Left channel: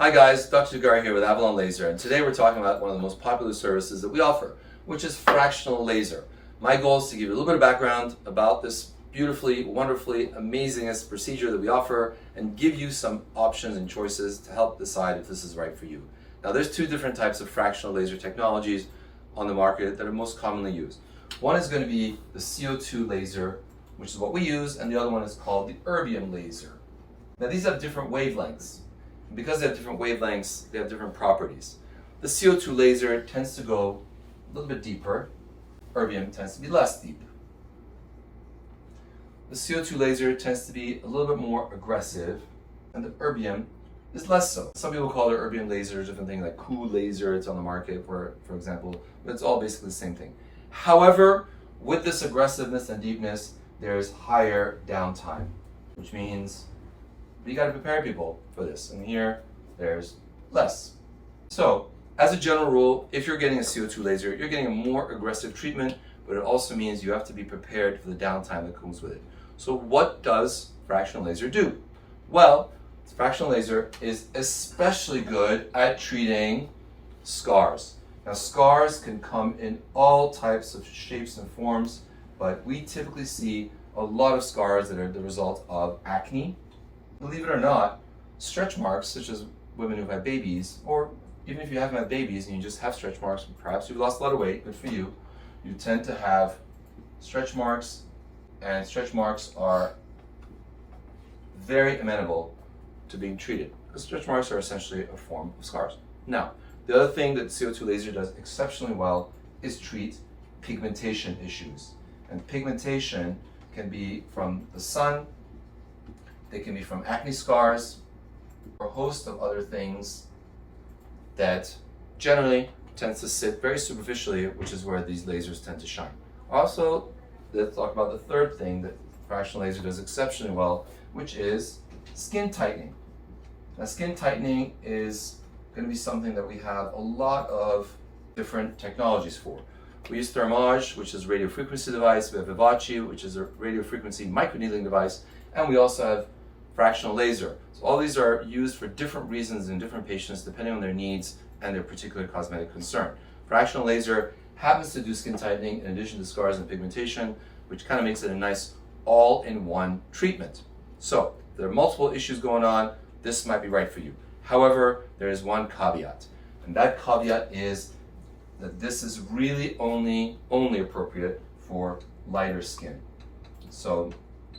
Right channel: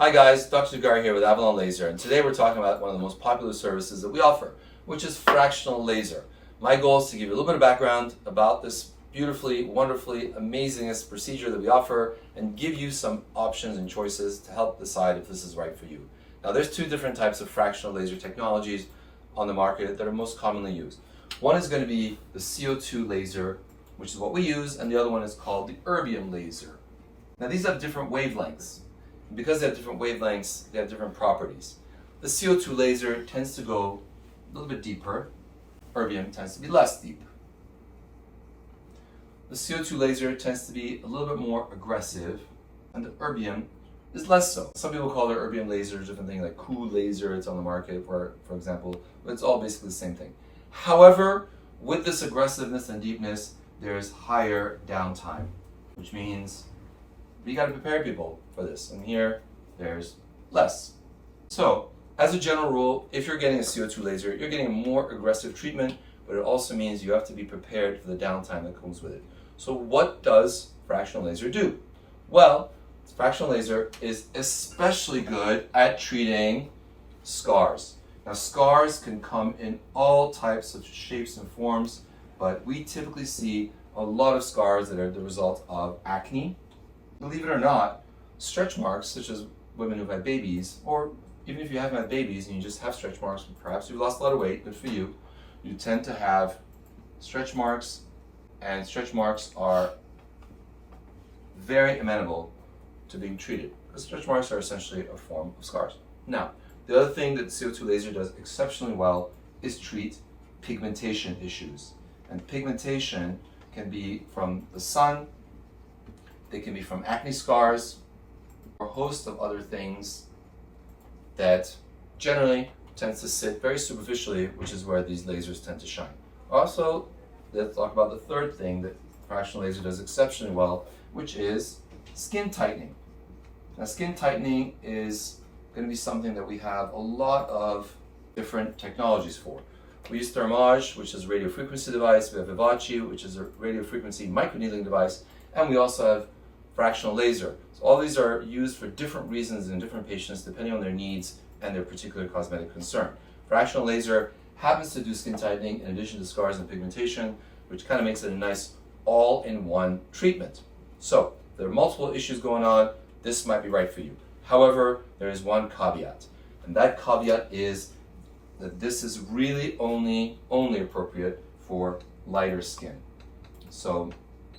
Hi guys, Dr. Tirgari here with Avalon Laser, and today we're talking about one of the most popular services that we offer, which is fractional laser. My goal is to give you a little bit of background about this beautifully, wonderfully, amazingest procedure that we offer and give you some options and choices to help decide if this is right for you. Now there's two different types of fractional laser technologies on the market that are most commonly used. One is going to be the CO2 laser, which is what we use, and the other one is called the Erbium laser. Now these have different wavelengths. Because they have different wavelengths, they have different properties. The CO2 laser tends to go a little bit deeper. Erbium tends to be less deep. The CO2 laser tends to be a little bit more aggressive, and the Erbium is less so. Some people call their Erbium laser different things like cool laser, it's on the market for example, but it's all basically the same thing. However, with this aggressiveness and deepness, there's higher downtime, which means you got to prepare people for this, and here there's less. So as a general rule, if you're getting a CO2 laser, you're getting a more aggressive treatment, but it also means you have to be prepared for the downtime that comes with it. So what does fractional laser do? Well, fractional laser is especially good at treating scars. Now scars can come in all types of shapes and forms, but we typically see a lot of scars that are the result of acne. Believe it or not, stretch marks, such as women who've had babies, or even if you haven't had babies and you just have stretch marks, perhaps you've lost a lot of weight, good for you, you tend to have stretch marks, and stretch marks are very amenable to being treated, because stretch marks are essentially a form of scars. Now, the other thing that CO2 laser does exceptionally well is treat pigmentation issues. And pigmentation can be from the sun, they can be from acne scars, or a host of other things that generally tends to sit very superficially, which is where these lasers tend to shine. Also, let's talk about the third thing that fractional laser does exceptionally well, which is skin tightening. Now, skin tightening is going to be something that we have a lot of different technologies for. We use Thermage, which is a radio frequency device. We have Vivace, which is a radio frequency microneedling device, and we also have fractional laser. So all these are used for different reasons in different patients depending on their needs and their particular cosmetic concern. Fractional laser happens to do skin tightening in addition to scars and pigmentation, which kind of makes it a nice all-in-one treatment. So there are multiple issues going on. This might be right for you. However, there is one caveat, and that caveat is that this is really only appropriate for lighter skin. So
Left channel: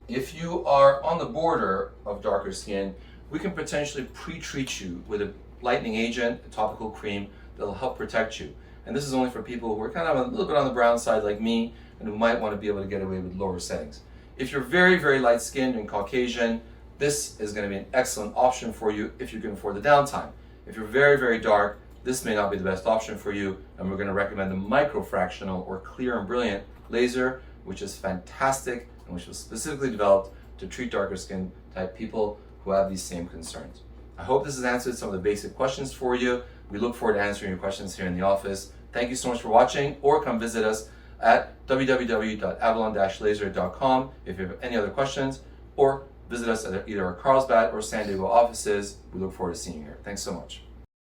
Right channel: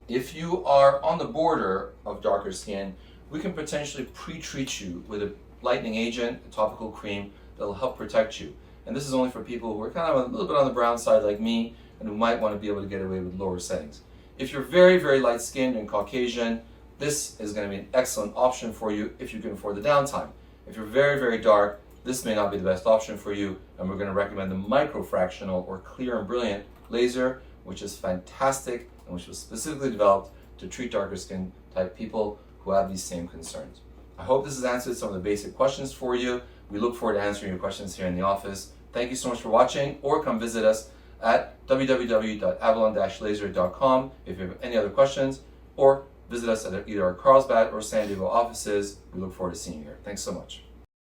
if you are on the border of darker skin, we can potentially pre-treat you with a lightening agent, a topical cream that will help protect you. And this is only for people who are kind of a little bit on the brown side like me and who might want to be able to get away with lower settings. If you're very, very light skinned and Caucasian, this is going to be an excellent option for you if you can afford the downtime. If you're very, very dark, this may not be the best option for you, and we're going to recommend the Micro Fractional or Clear and Brilliant laser, which is fantastic and which was specifically developed to treat darker skin type people who have these same concerns. I hope this has answered some of the basic questions for you. We look forward to answering your questions here in the office. Thank you so much for watching, or come visit us at www.avalon-laser.com if you have any other questions, or visit us at either our Carlsbad or San Diego offices. We look forward to seeing you here. Thanks so much.